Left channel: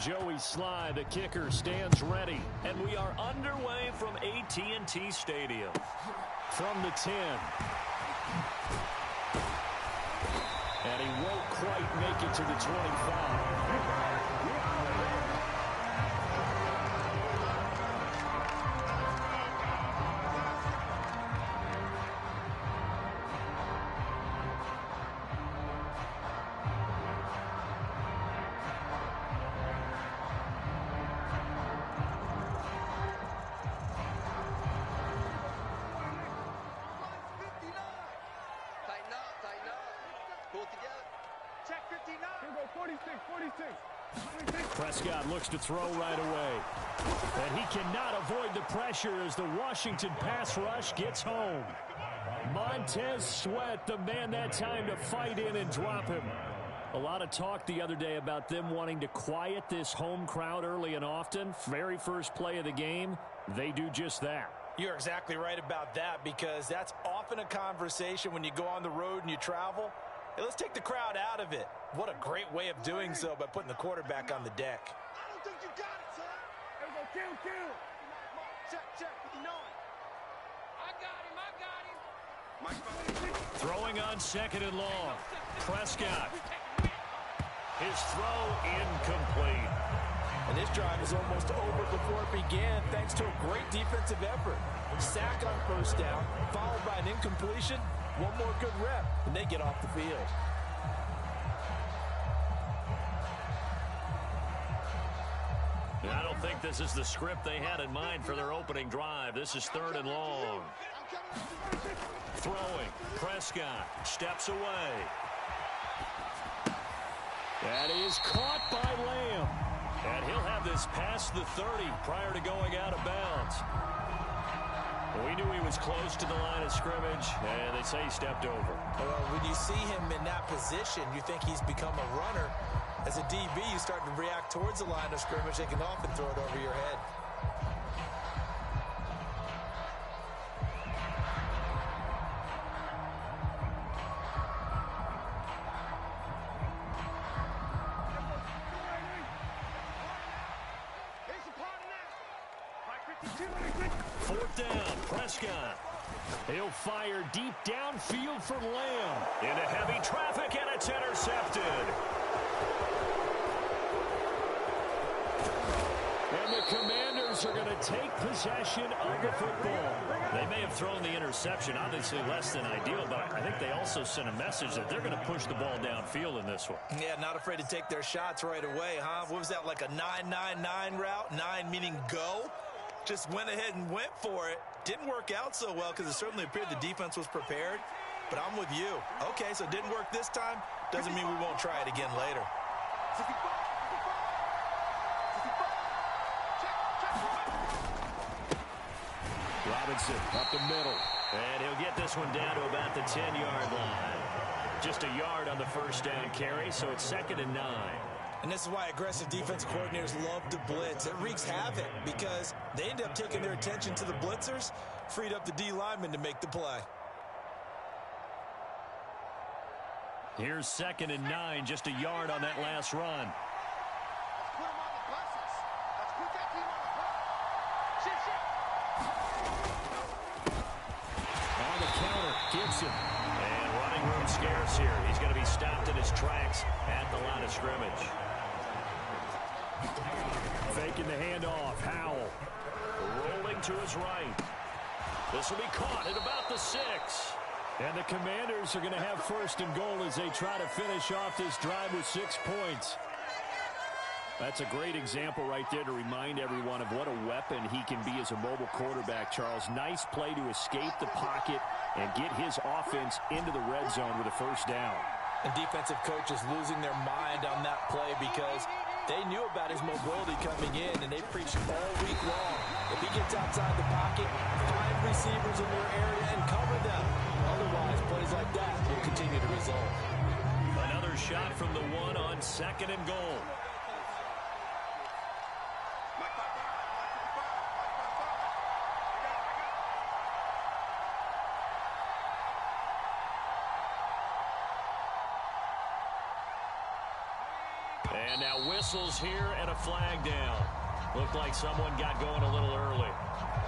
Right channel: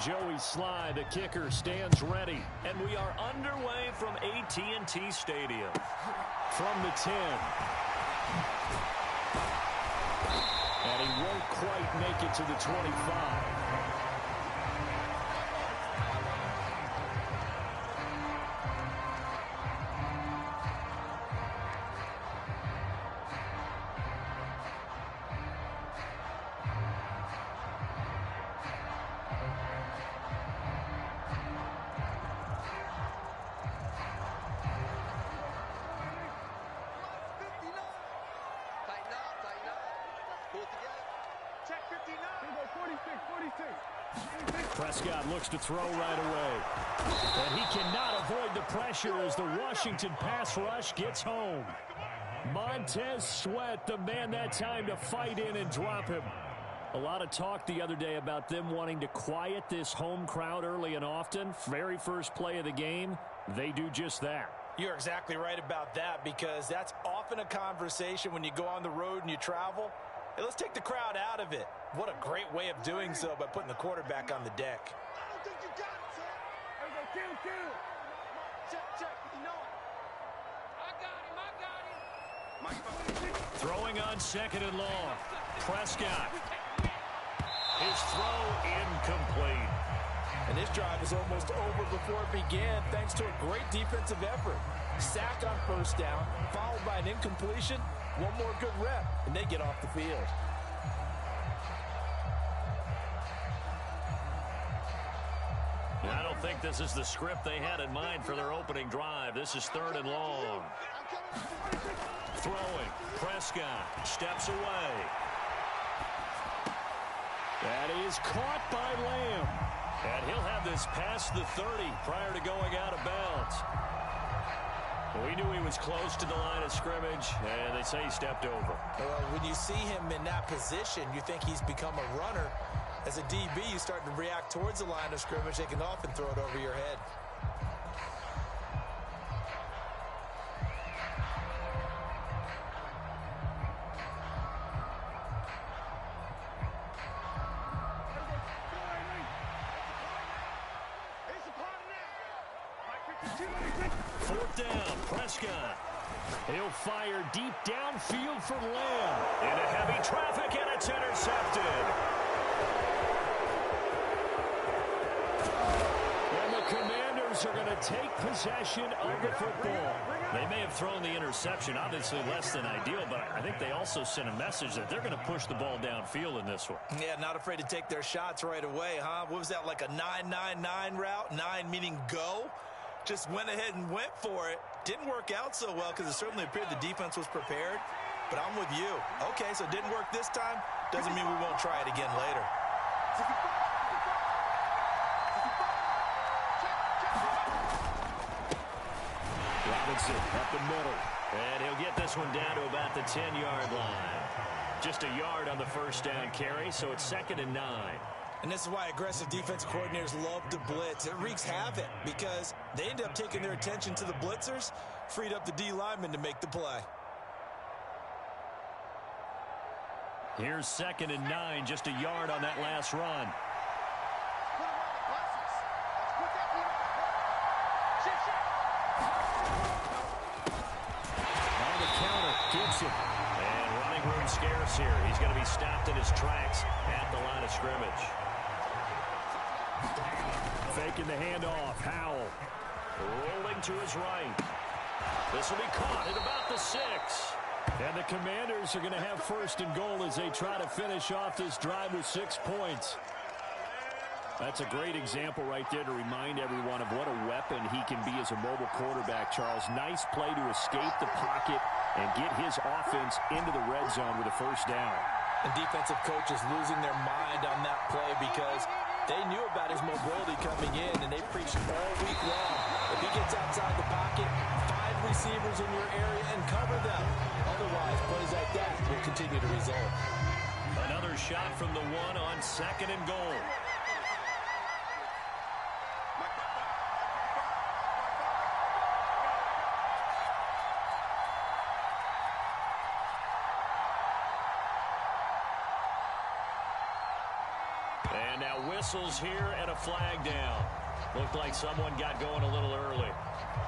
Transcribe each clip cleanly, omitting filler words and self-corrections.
Joey Sly, the kicker, stands ready. And we are underway from AT&T Stadium. From the 10. And he won't quite make it to the 25. Prescott looks to throw right away. And he cannot avoid the pressure as the Washington pass rush gets home. Montez Sweat, the man that time to fight in and drop him. A lot of talk the other day about them wanting to quiet this home crowd early and often. Very first play of the game, they do just that. You're exactly right about that, because that's often a conversation when you go on the road and you travel. Hey, let's take the crowd out of it. What a great way of doing so by putting the quarterback on the deck. I don't think you got it, son. There we go, kill. Check, 59. I got him. Throwing on 2nd and long. Prescott. His throw incomplete. And this drive is almost over before it began, thanks to a great defensive effort. Sack on 1st down, followed by an incompletion. One more good rep, and they get off the field. I don't think this is the script they had in mind for their opening drive. This is 3rd and long. Throwing. Prescott steps away. That is caught by Lamb. And he'll have this past the 30 prior to going out of bounds. We knew he was close to the line of scrimmage, and they say he stepped over. Well, when you see him in that position, you think he's become a runner. As a DB, you start to react towards the line of scrimmage. They can often throw it over your head. Fourth down, Prescott. He'll fire deep downfield for Lamb. Into heavy traffic, and it's intercepted. And the Commanders are going to take possession of the football. They may have thrown the interception, obviously less than ideal, but I think they also sent a message that they're going to push the ball downfield in this one. Yeah, not afraid to take their shots right away, huh? What was that, like a 9-9-9 route? 9 meaning go? Just went ahead and went for it. Didn't work out so well because it certainly appeared the defense was prepared. But I'm with you. Okay, so it didn't work this time. Doesn't mean we won't try it again later. Robinson up the middle. And he'll get this one down to about the 10-yard line. Just a yard on the 1st down carry, so it's 2nd and 9. And this is why aggressive defense coordinators love to blitz. It wreaks havoc because they end up taking their attention to the blitzers, freed up the D lineman to make the play. Here's 2nd and 9, just a yard on that last run. Let's put him on the buses. Let's put that team on the bus. On the counter, Gibson. And running room scarce here. He's going to be stopped in his tracks at the line of scrimmage. Faking the handoff, Howell. Rolling to his right. This will be caught at about the 6. And the Commanders are going to have 1st and goal as they try to finish off this drive with 6 points. That's a great example right there to remind everyone of what a weapon he can be as a mobile quarterback, Charles. Nice play to escape the pocket and get his offense into the red zone with a 1st down. And defensive coaches losing their mind on that play because they knew about his mobility coming in, and they preached all week long. If he gets outside the pocket, find receivers in your area and cover them. Otherwise, plays like that will continue to result. Another shot from the 1 on 2nd and goal. And now whistles here and a flag down. Looked like someone got going a little early.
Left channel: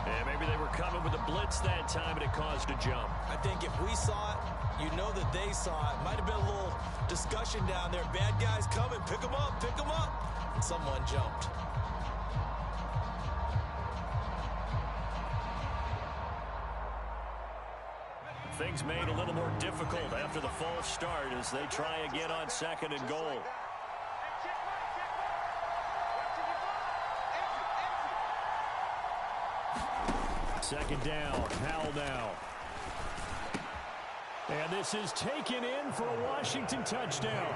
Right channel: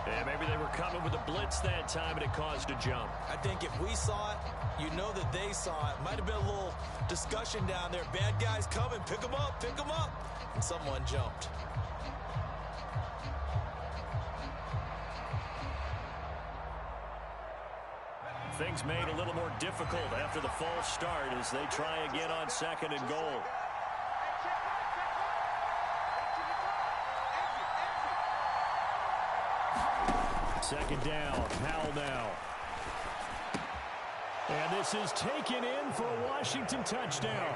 And maybe they were coming with a blitz that time and it caused a jump. I think if we saw it, you know that they saw it. Might have been a little discussion down there. Bad guys coming. Pick them up. Pick them up. And someone jumped. Things made a little more difficult after the false start as they try again on 2nd and goal. Second down, Howell now. And this is taken in for a Washington touchdown.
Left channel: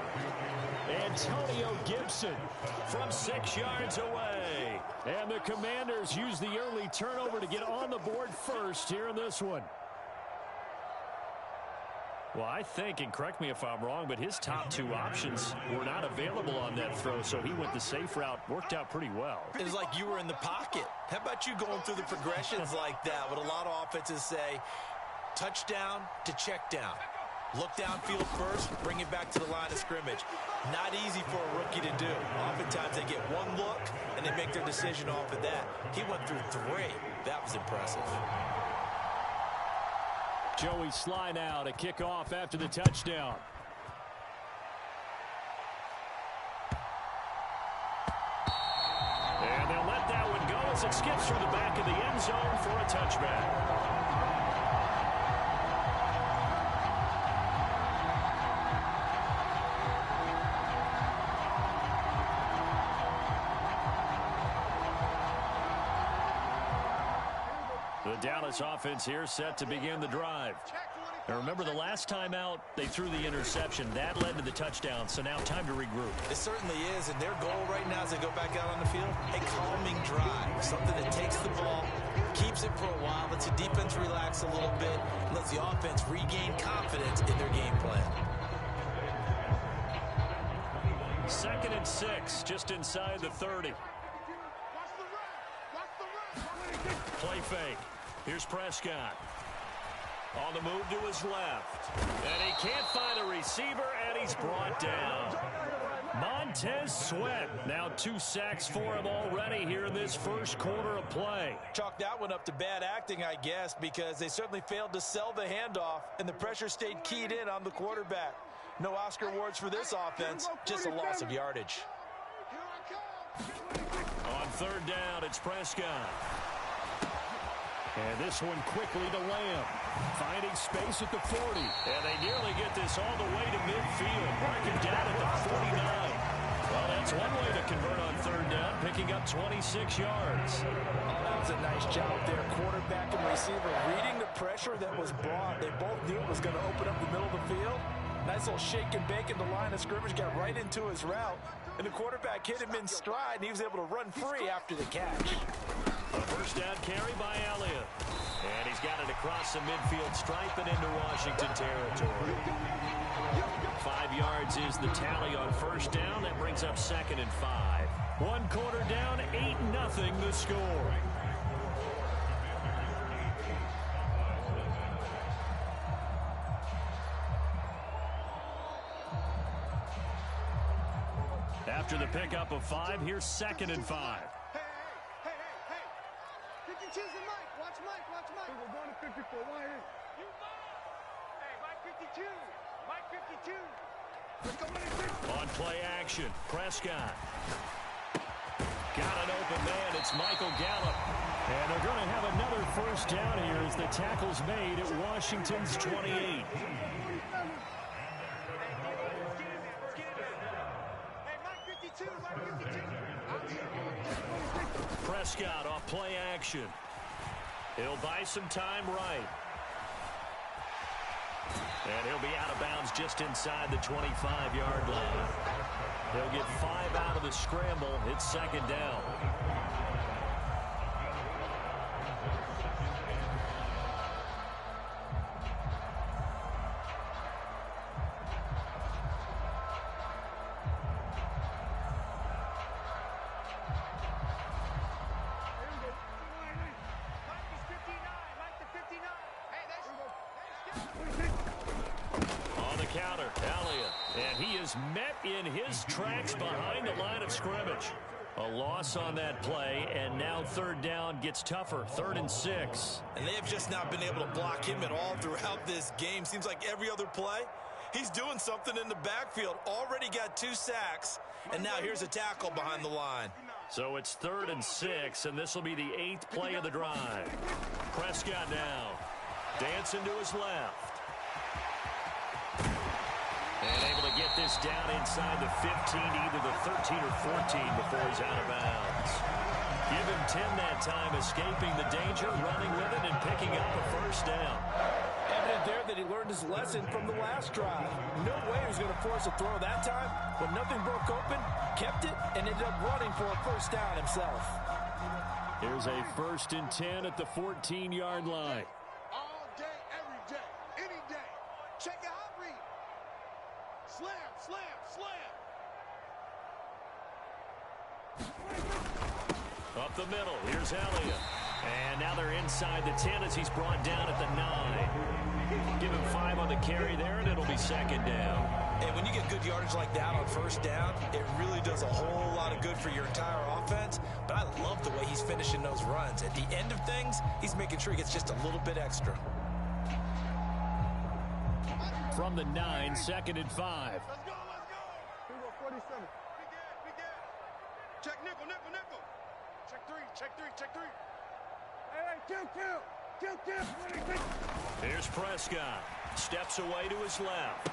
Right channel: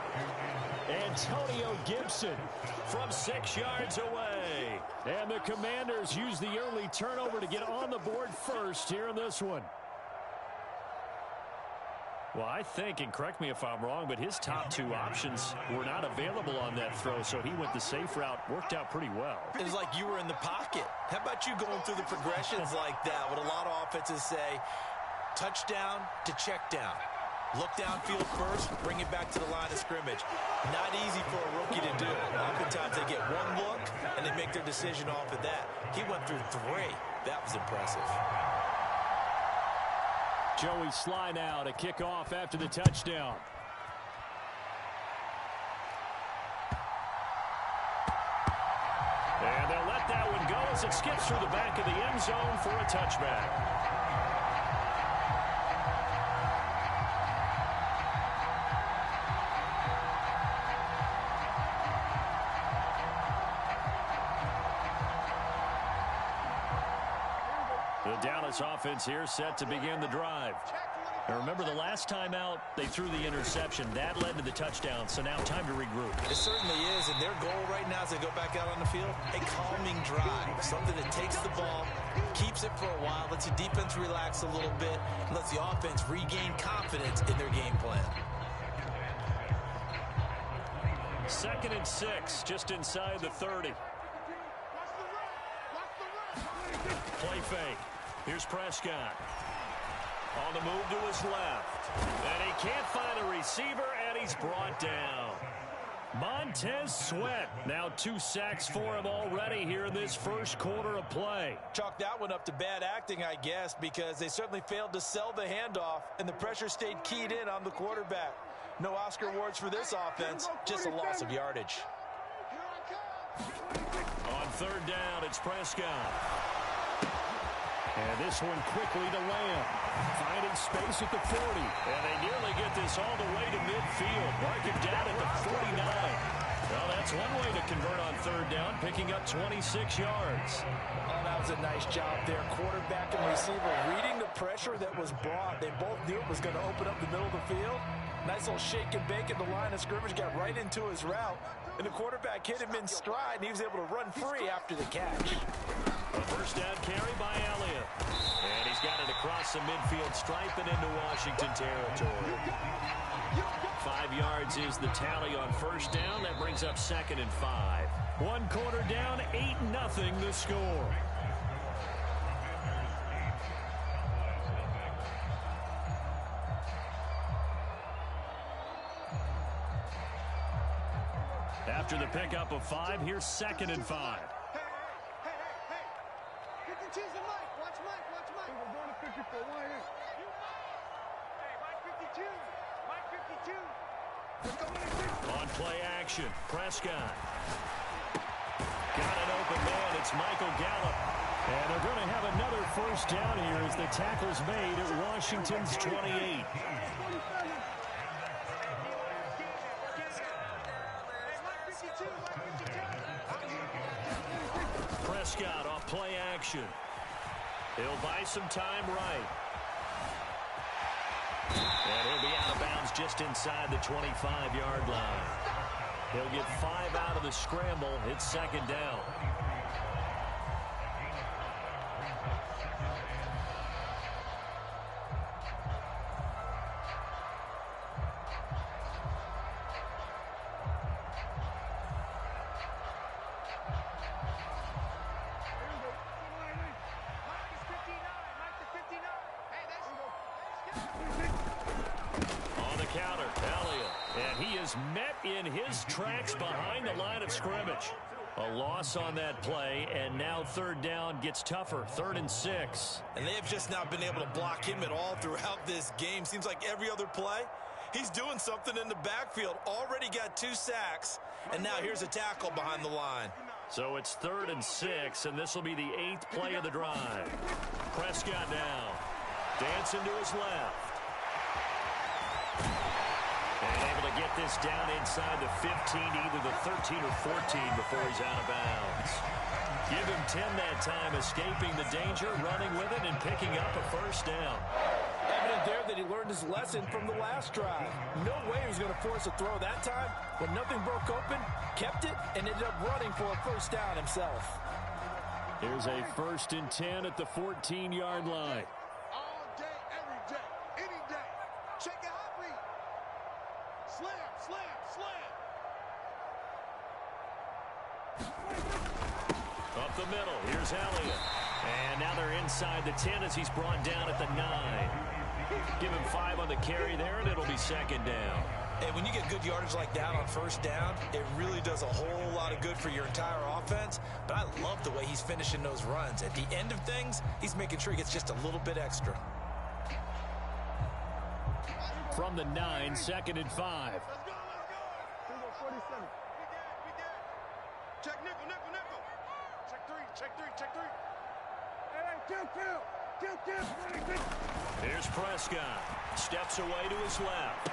Antonio Gibson from 6 yards away. And the Commanders use the early turnover to get on the board first here in this one. Well, I think, and correct me if I'm wrong, but his top 2 options were not available on that throw, so he went the safe route. Worked out pretty well. It was like you were in the pocket. How about you going through the progressions like that? What a lot of offenses say, touchdown to check down. Look downfield first, bring it back to the line of scrimmage. Not easy for a rookie to do. Oftentimes they get one look, and they make their decision off of that. He went through 3. That was impressive. Joey Sly now to kick off after the touchdown. And they'll let that one go as it skips through the back of the end zone for a touchback. The Dallas offense here set to begin the drive. And remember, the last time out, they threw the interception. That led to the touchdown, so now time to regroup. It certainly is, and their goal right now as they go back out on the field, a calming drive, something that takes the ball, keeps it for a while, lets the defense relax a little bit, and lets the offense regain confidence in their game plan. 2nd and 6, just inside the 30. Play fake. Here's Prescott. On the move to his left. And he can't find a receiver, and he's brought down. Montez Sweat. Now 2 sacks for him already here in this first quarter of play. Chalk that one up to bad acting, I guess, because they certainly failed to sell the handoff, and the pressure stayed keyed in on the quarterback. No Oscar awards for this offense, just a loss of yardage. On 3rd down, it's Prescott. And this one quickly to Lamb. Finding space at the 40. And they nearly get this all the way to midfield. Mark him down at the 49. Well, that's one way to convert on 3rd down, picking up 26 yards. Oh, that was a nice job there. Quarterback and receiver reading the pressure that was brought. They both knew it was going to open up the middle of the field. Nice little shake and bake at the line of scrimmage, got right into his route. And the quarterback hit him in stride, and he was able to run free after the catch. A first down carry by Elliott. And he's got it across the midfield stripe and into Washington territory. 5 yards is the tally on 1st down. That brings up 2nd and 5. 1 quarter down, 8-0 the score. After the pickup of 5, here's 2nd and 5. Hey. 52's the mic. Watch Mike. We're going to 54. Why is you Mike? Hey, Mike 52. Mike 52. Let's go in 50. On play action, Prescott. Got an open man. It's Michael Gallup. And they're going to have another first down here as the tackle's made at Washington's 28. Prescott off play action. He'll buy some time right. And he'll be out of bounds just inside the 25-yard line. He'll get 5 out of the scramble. It's 2nd down. counter. Elliott. And he is met in his tracks behind the line of scrimmage. A loss on that play, and now third down gets tougher. 3rd and 6. And they have just not been able to block him at all throughout this game. Seems like every other play, he's doing something in the backfield. Already got 2 sacks, and now here's a tackle behind the line. So it's 3rd and 6, and this will be the 8th play of the drive. Prescott now. Dancing to his left. And able to get this down inside the 15, either the 13 or 14 before he's out of bounds. Give him 10 that time, escaping the danger, running with it, and picking up a first down. Evident there that he learned his lesson from the last drive. No way he was going to force a throw that time. When nothing broke open, kept it, and ended up running for a first down himself. Here's a 1st and 10 at the 14-yard line. All day, every day, any day. Check your hot read. Slam, slam, slam. Up the middle, here's Elliott. And now they're inside the 10 as he's brought down at the 9. Give him 5 on the carry there, and it'll be 2nd down. Hey, when you get good yardage like that on first down, it really does a whole lot of good for your entire offense. But I love the way he's finishing those runs. At the end of things, he's making sure he gets just a little bit extra. From the 9, 2nd and 5. Let's go, let's go. 47. Big gas. Check nickel. Check 3. Hey, kill. Here's Prescott. Steps away to his left.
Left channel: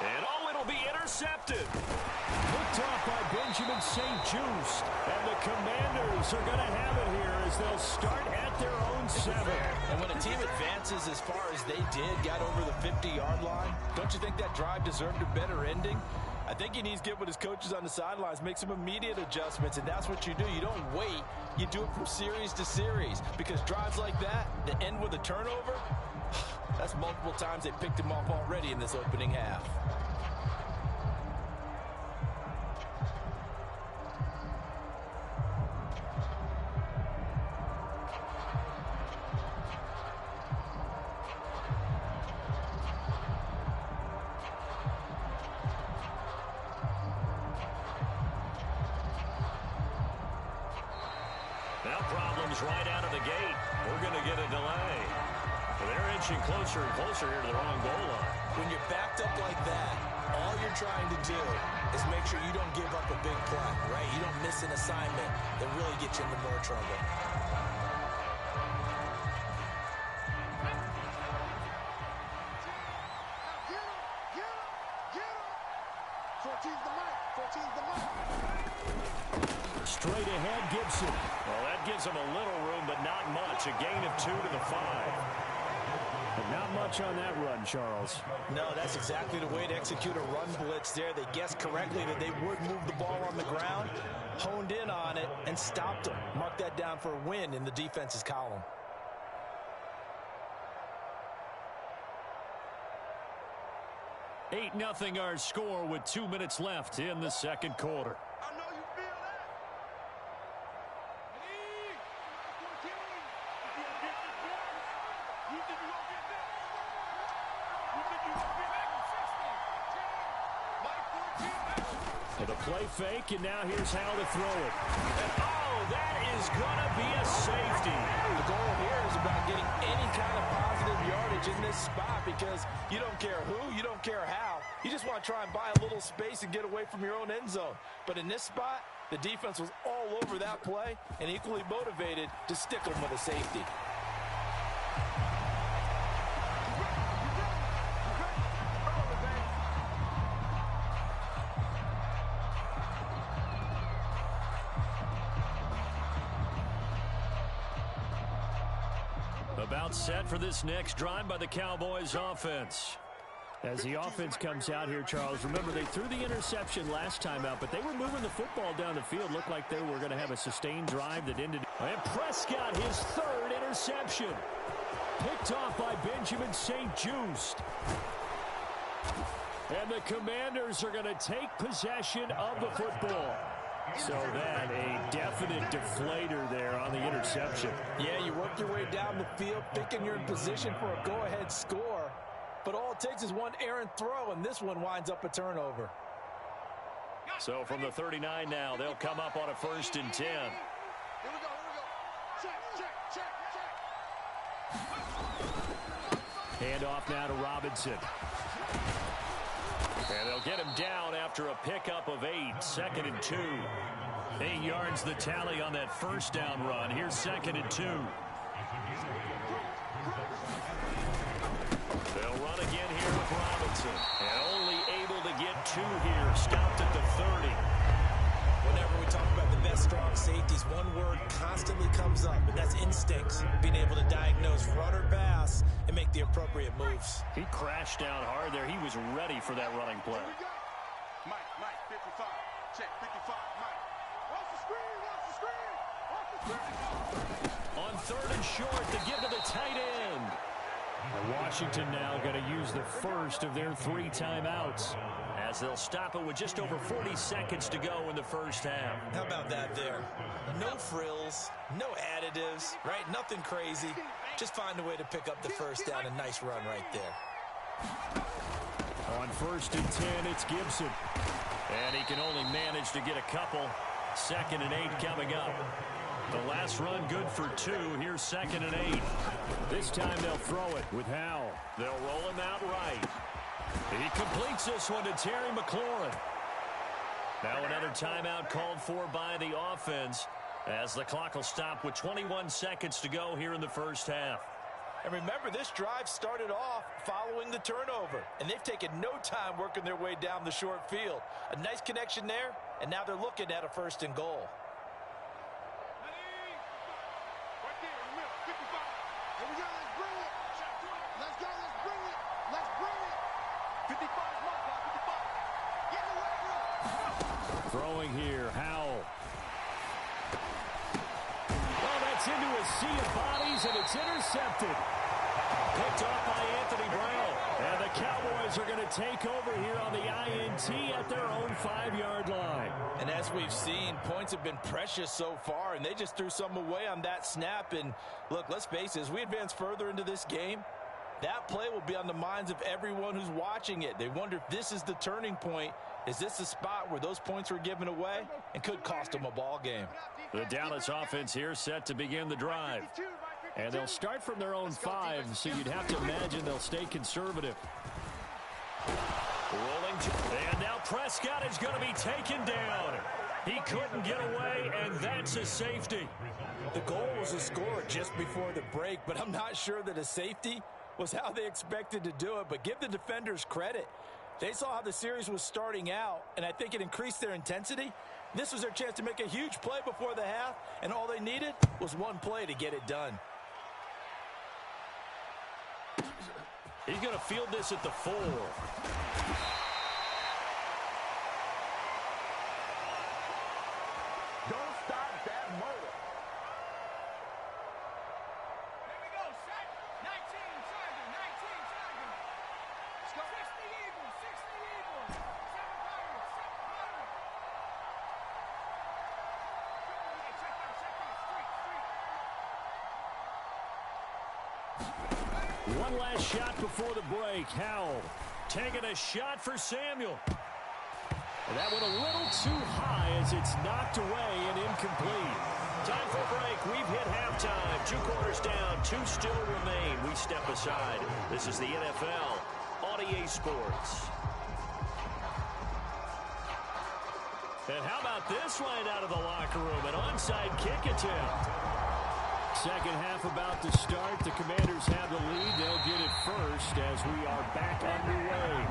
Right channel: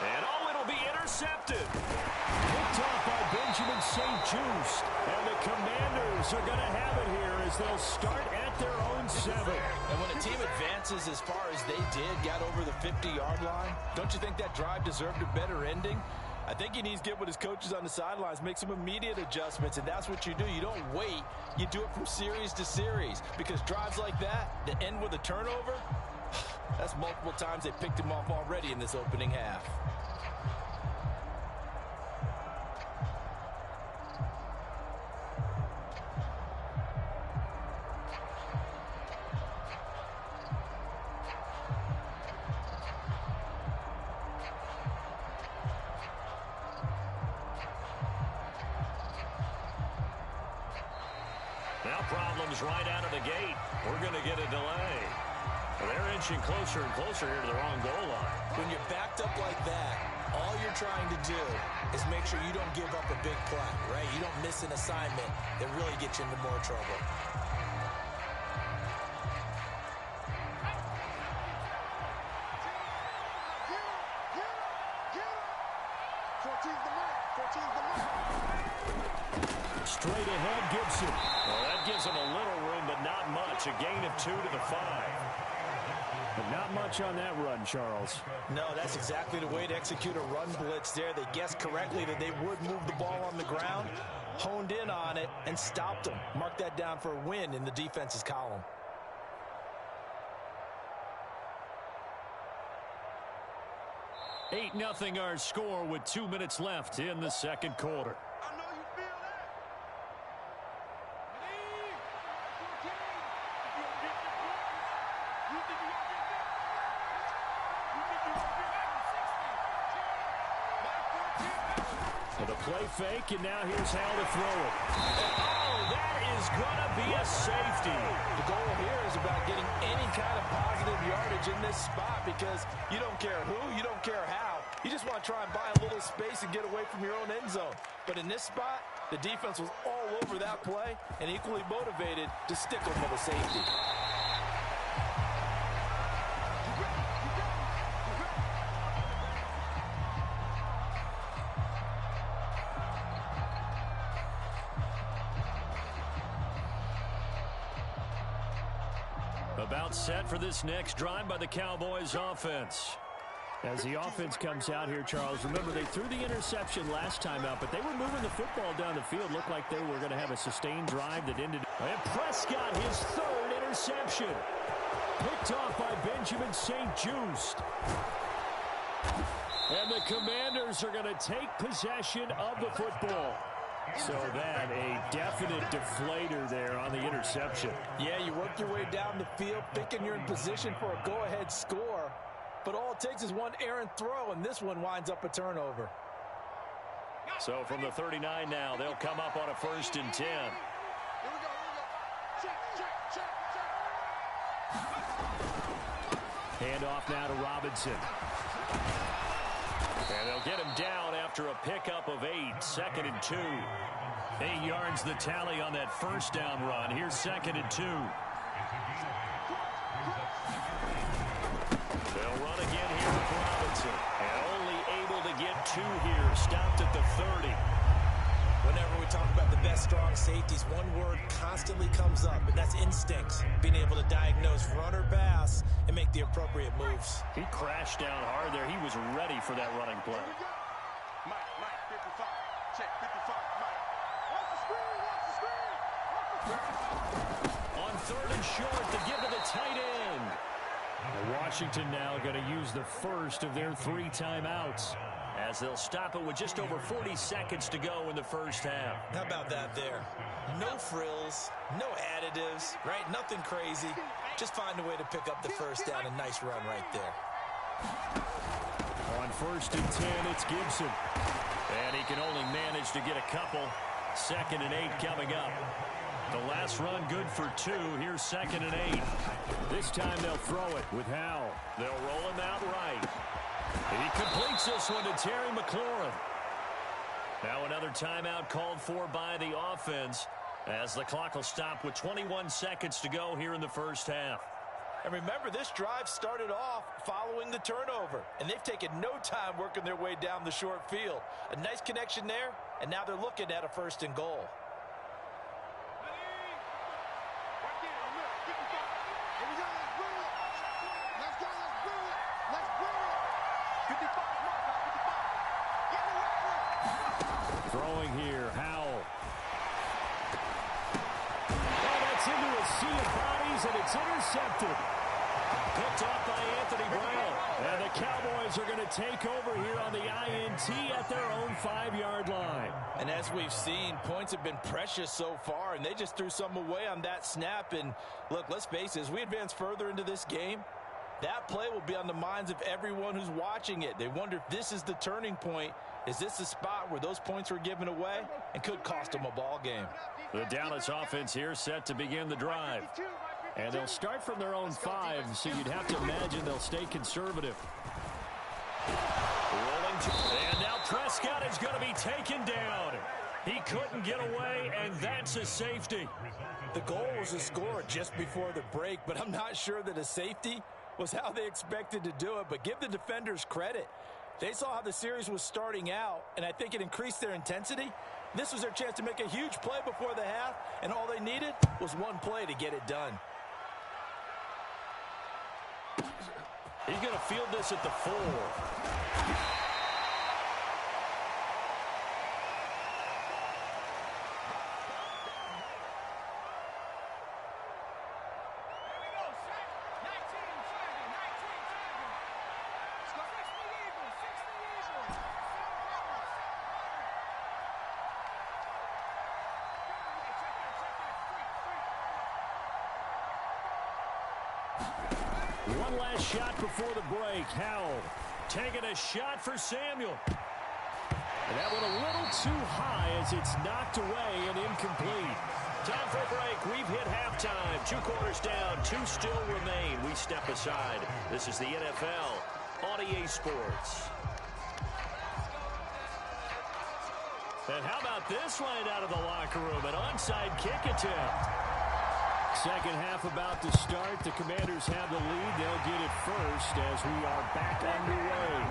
And it'll be intercepted. Picked off by Benjamin St-Juste. And the Commanders are going to have it here as they'll start at their own 7. And when a team advances as far as they did, got over the 50-yard line, don't you think that drive deserved a better ending? I think he needs to get with his coaches on the sidelines, make some immediate adjustments, and that's what you do. You don't wait. You do it from series to series, because drives like that end with a turnover, that's multiple times they picked him off already in this opening half. Now problems right out of the gate. We're going to get a delay. Well, they're inching closer and closer here to their own goal line. When you're backed up like that, all you're trying to do is make sure you don't give up a big play, right? You don't miss an assignment that really gets you into more trouble. Straight ahead, Gibson. Well, that gives them a little room, but not much. A gain of 2 to the 5. But not much on that run, Charles. No, that's exactly the way to execute a run blitz there. They guessed correctly that they would move the ball on the ground, honed in on it, and stopped them. Mark that down for a win in the defense's column. Eight 0 our score with 2 minutes left in the second quarter. I know you feel that. You think you're going to get this? You think you're going to get back in 60? Mike 14. For the play fake, and now here's Hal to throw it. And, oh, that is going to be a safety. The goal here is about getting any kind of positive yardage in this spot, because you don't care who, you don't care how. You just want to try and buy a little space and get away from your own end zone. But in this spot, the defense was all over that play and equally motivated to stick them with a safety. About set for this next drive by the Cowboys offense. As the offense comes out here, Charles, remember they threw the interception last time out, but they were moving the football down the field. Looked like they were going to have a sustained drive that ended. And Prescott, his 3rd interception. Picked off by Benjamin St-Juste. And the Commanders are going to take possession of the football. So that a definite deflator there on the interception. Yeah, you work your way down the field thinking you're in position for a go-ahead score, But all it takes is one errant throw, and this one winds up a turnover. So from the 39 now, they'll come up on a 1st and 10. Here we go. Check. Hand off now to Robinson. And they'll get him down after a pickup of 8, 2nd and 2. 8 yards the tally on that 1st down run. Here's 2nd and 2. They'll run again here with Robinson. And only able to get 2 here. Stopped at the 30. Whenever we talk about the best strong safeties, one word constantly comes up, and that's instincts. Being able to diagnose run or pass and make the appropriate moves. He crashed down hard there. He was ready for that running play. Mike, 55. Check, 55, Mike. Watch the screen. On 3rd and short, to give to the tight end. And Washington now going to use the first of their 3 timeouts, as they'll stop it with just over 40 seconds to go in the 1st half. How about that there? No frills, no additives, right? Nothing crazy. Just find a way to pick up the 1st down. A nice run right there. On 1st and 10, it's Gibson. And he can only manage to get a couple. 2nd and 8 coming up. The last run good for 2. Here's 2nd and 8. This time they'll throw it with Howell. They'll roll him out right. He completes this one to Terry McLaurin. Now another timeout called for by the offense, as the clock will stop with 21 seconds to go here in the 1st half. And remember, this drive started off following the turnover, and they've taken no time working their way down the short field. A nice connection there, and now they're looking at a 1st and goal. Right there, in the middle, 55. Here we go, let's bring it. Let's go, let's bring it. Let's bring it. 55 is my guy, 55. Get in the right room. Throwing here, Howell. Oh, that's into a sea of bodies, and it's intercepted. Picked off by Anthony Brown. And the Cowboys are going to take over here on the INT at their own 5-yard line. And as we've seen, points have been precious so far, and they just threw some away on that snap. And look, let's face it, as we advance further into this game, that play will be on the minds of everyone who's watching it. They wonder if this is the turning point. Is this the spot where those points were given away and could cost them a ball game? The Dallas offense here set to begin the drive. And they'll start from their own 5, so you'd have to imagine they'll stay conservative. Rolling to, and now Prescott is going to be taken down. He couldn't get away, and that's a safety. The goal was a score just before the break, but I'm not sure that a safety was how they expected to do it. But give the defenders credit. They saw how the series was starting out, and I think it increased their intensity. This was their chance to make a huge play before the half, and all they needed was one play to get it done. He's going to field this at the 4. Don't stop that motor. Here we go, set. 19, Tiger, 19, Tiger. Let's go. 60 Eagles, 60 Eagles. 7 Pirates, 7 Pirates. Hey, check that, street. One last shot before the break. Howell taking a shot for Samuel. And that went a little too high as it's knocked away and incomplete. Time for a break. We've hit halftime. 2 quarters down. 2 still remain. We step aside. This is the NFL on EA Sports. And how about this right out of the locker room? An onside kick attempt. Second half about to start. The Commanders have the lead. They'll get it first as we are back underway.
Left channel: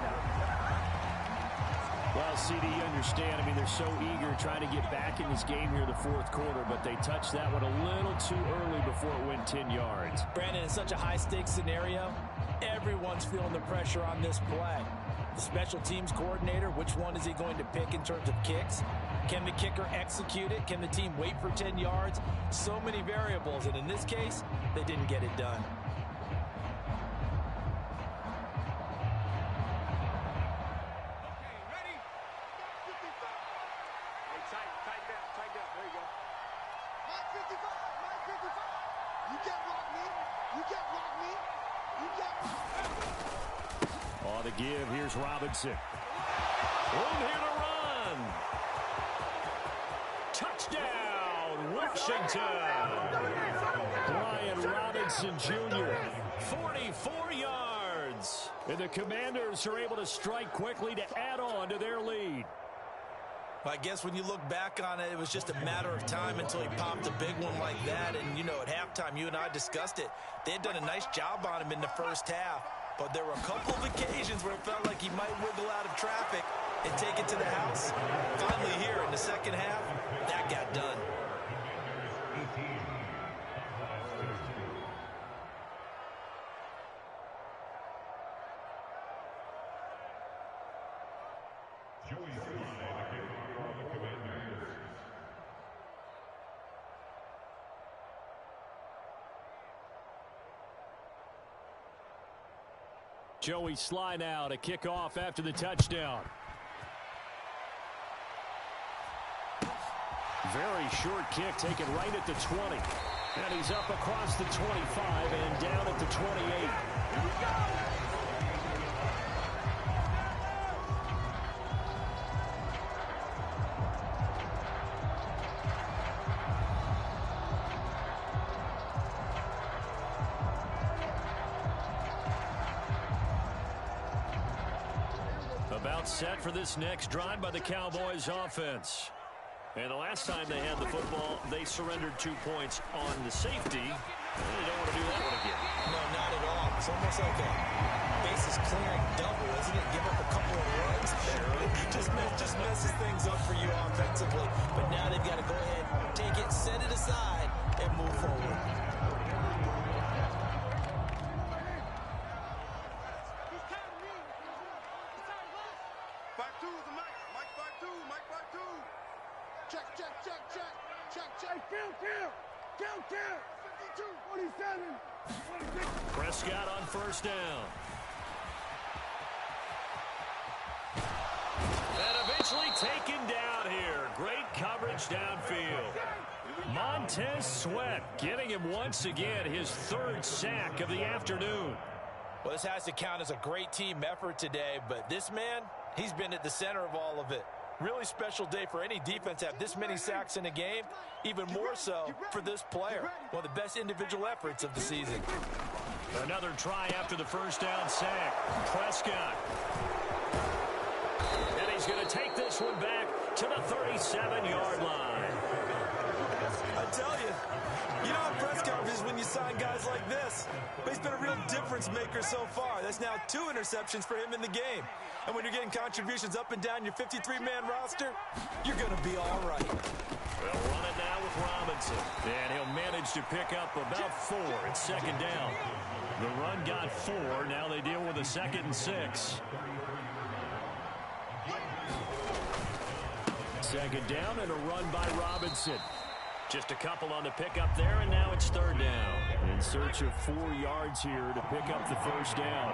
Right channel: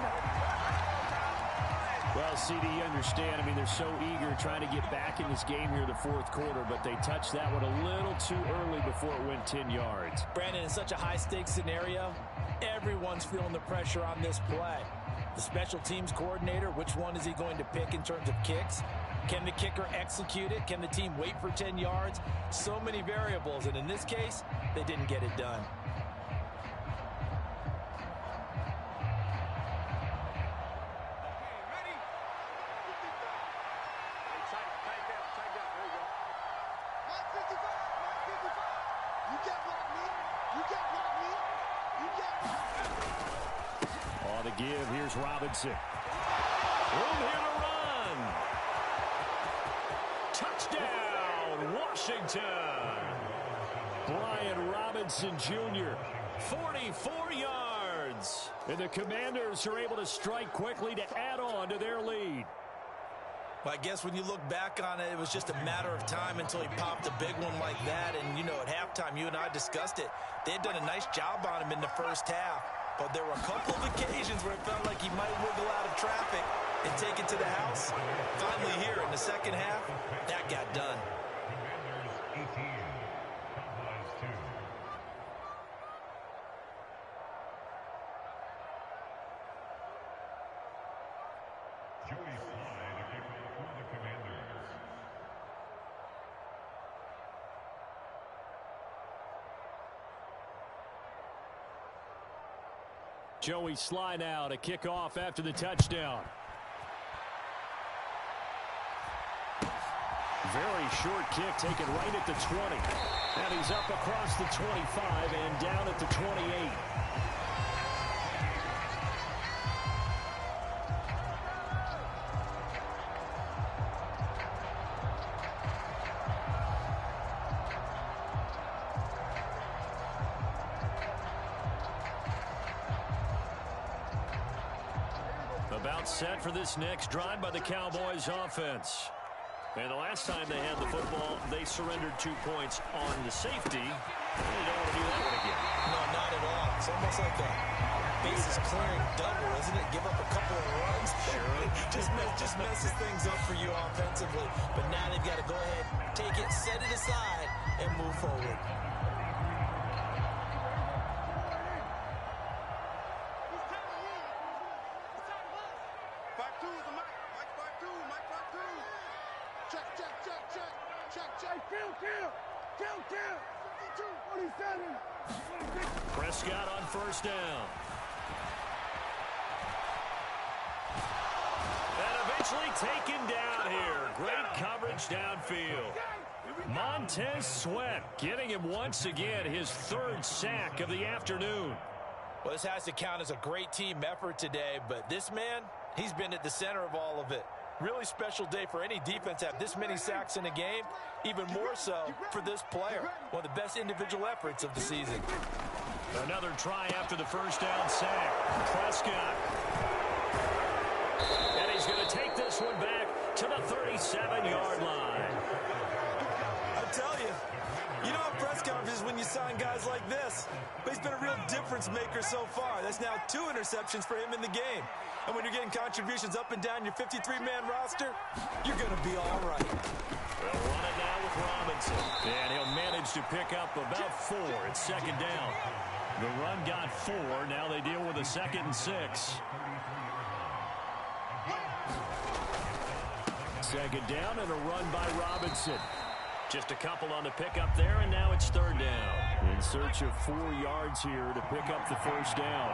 Well, CD, you understand. I mean, they're so eager trying to get back in this game here in the 4th quarter, but they touched that one a little too early before it went 10 yards. Brandon, in such a high-stakes scenario, everyone's feeling the pressure on this play. The special teams coordinator, which one is he going to pick in terms of kicks? Can the kicker execute it? Can the team wait for 10 yards? So many variables, and in this case, they didn't get it done. Okay, ready? 55. Hey, tighten down. There you go. Mike 55. You can't block me. On the give, here's Robinson. Room here to run. Touchdown, Washington. Brian Robinson Jr., 44 yards. And the Commanders are able to strike quickly to add on to their lead. I guess when you look back on it, it was just a matter of time until he popped a big one like that. And, you know, at halftime, you and I discussed it. They had done a nice job on him in the first half. But there were a couple of occasions where it felt like he might wiggle out of traffic and take it to the house. Finally here in the second half, that got done. Joey Sly now to kick off after the touchdown. Very short kick taken right at the 20. And he's up across the 25 and down at the 28. About set for this next drive by the Cowboys offense. And the last time they had the football, they surrendered 2 points on the safety. And they don't want to do that one again. No, not at all. It's almost like a bases clearing double, isn't it? Give up a couple of runs. Sure. just messes things up for you offensively. But now they've got to go ahead, take it, set it aside, and move forward. Prescott on first down. And eventually taken down here. Great coverage downfield. Montez Sweat getting him once again his third sack of the afternoon. Well, this has to count as a great team effort today, but this man, he's been at the center of all of it. Really special day for any defense to have this many sacks in a game, even more so for this player. One of the best individual efforts of the season. Another try after the first down sack. Prescott. And he's going to take this one back to the 37-yard line. I tell you, you know how press conferences when you sign guys like this. But he's been a real difference maker so far. That's now 2 interceptions for him in the game. And when you're getting contributions up and down your 53-man roster, you're going to be all right. They'll run it now with Robinson. And he'll manage to pick up about 4 at second down. The run got 4. Now they deal with a 2nd and 6. Second down and a run by Robinson. Just a couple on the pickup there, and now it's third down. In search of 4 yards here to pick up the first down.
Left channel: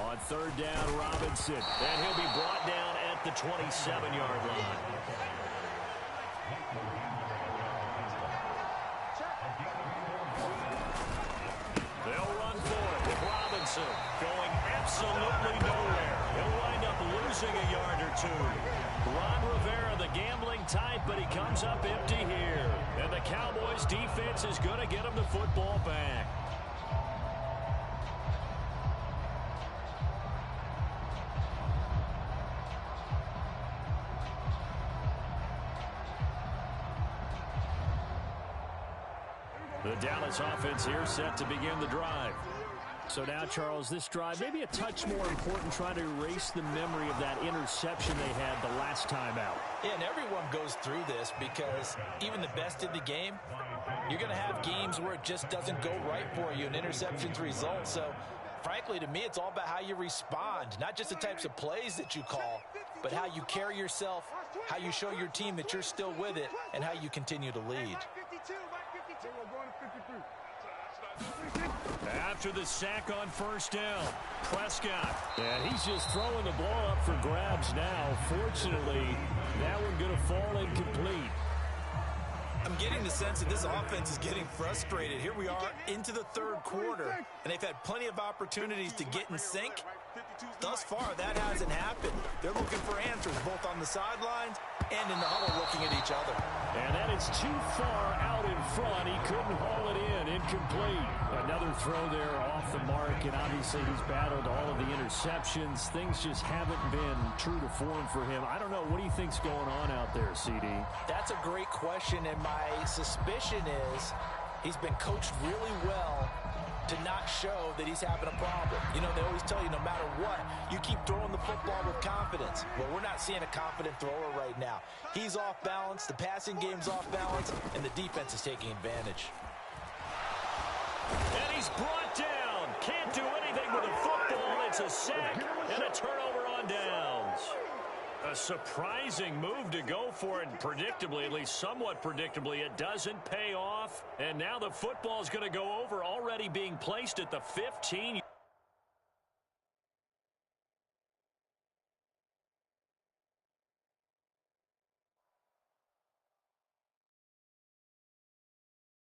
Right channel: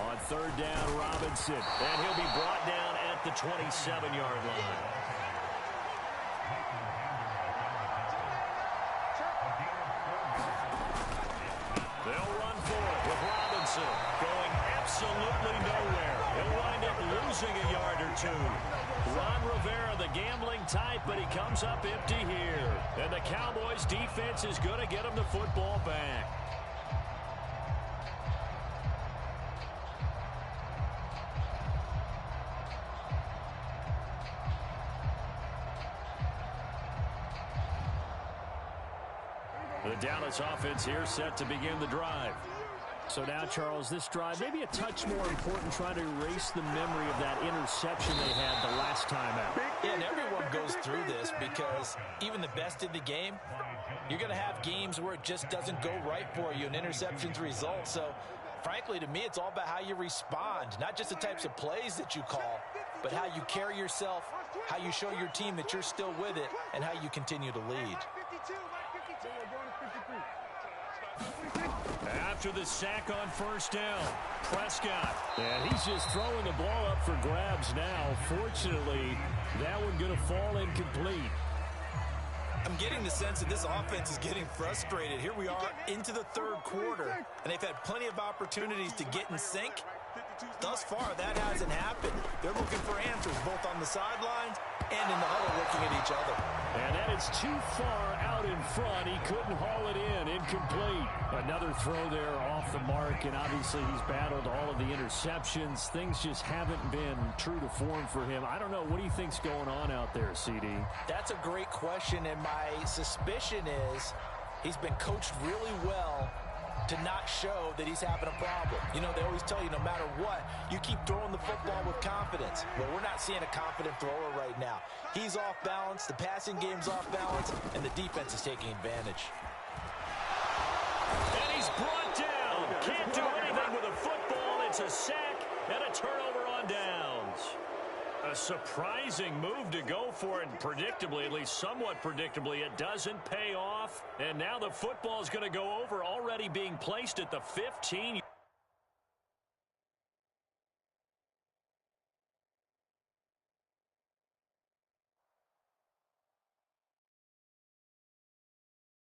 On third down, Robinson. And he'll be brought down at the 27-yard line. They'll run for it with Robinson going absolutely nowhere. He'll wind up losing a yard or 2. Ron Rivera, the gambling type, but he comes up empty here. And the Cowboys defense is going to get him the football back. The Dallas offense here set to begin the drive. So now, Charles, this drive maybe a touch more important, trying to erase the memory of that interception they had the last time out. Yeah, and everyone goes through this because even the best in the game, you're going to have games where it just doesn't go right for you and interceptions result. So, frankly, to me, it's all about how you respond, not just the types of plays that you call, but how you carry yourself, how you show your team that you're still with it, and how you continue to lead. After the sack on first down, Prescott. And he's just throwing the ball up for grabs now. Fortunately, that one going to fall incomplete. I'm getting the sense that this offense is getting frustrated. Here we are into the third quarter, and they've had plenty of opportunities to get in sync. Thus far, that hasn't happened. They're looking for answers both on the sidelines and in the huddle looking at each other. And that is too far out in front. He couldn't haul it in. Incomplete. Another throw there off the mark, and obviously he's battled all of the interceptions. Things just haven't been true to form for him. I don't know. What do you think's going on out there, CD? That's a great question, and my suspicion is he's been coached really well to not show that he's having a problem. You know, they always tell you no matter what, you keep throwing the football with confidence. Well, we're not seeing a confident thrower right now. He's off balance, the passing game's off balance, and the defense is taking advantage. And he's brought down. Can't do anything with a football. It's a sack and a turnover on downs. A surprising move to go for it, and predictably, at least somewhat predictably, it doesn't pay off. And now the football is going to go over, already being placed at the 15.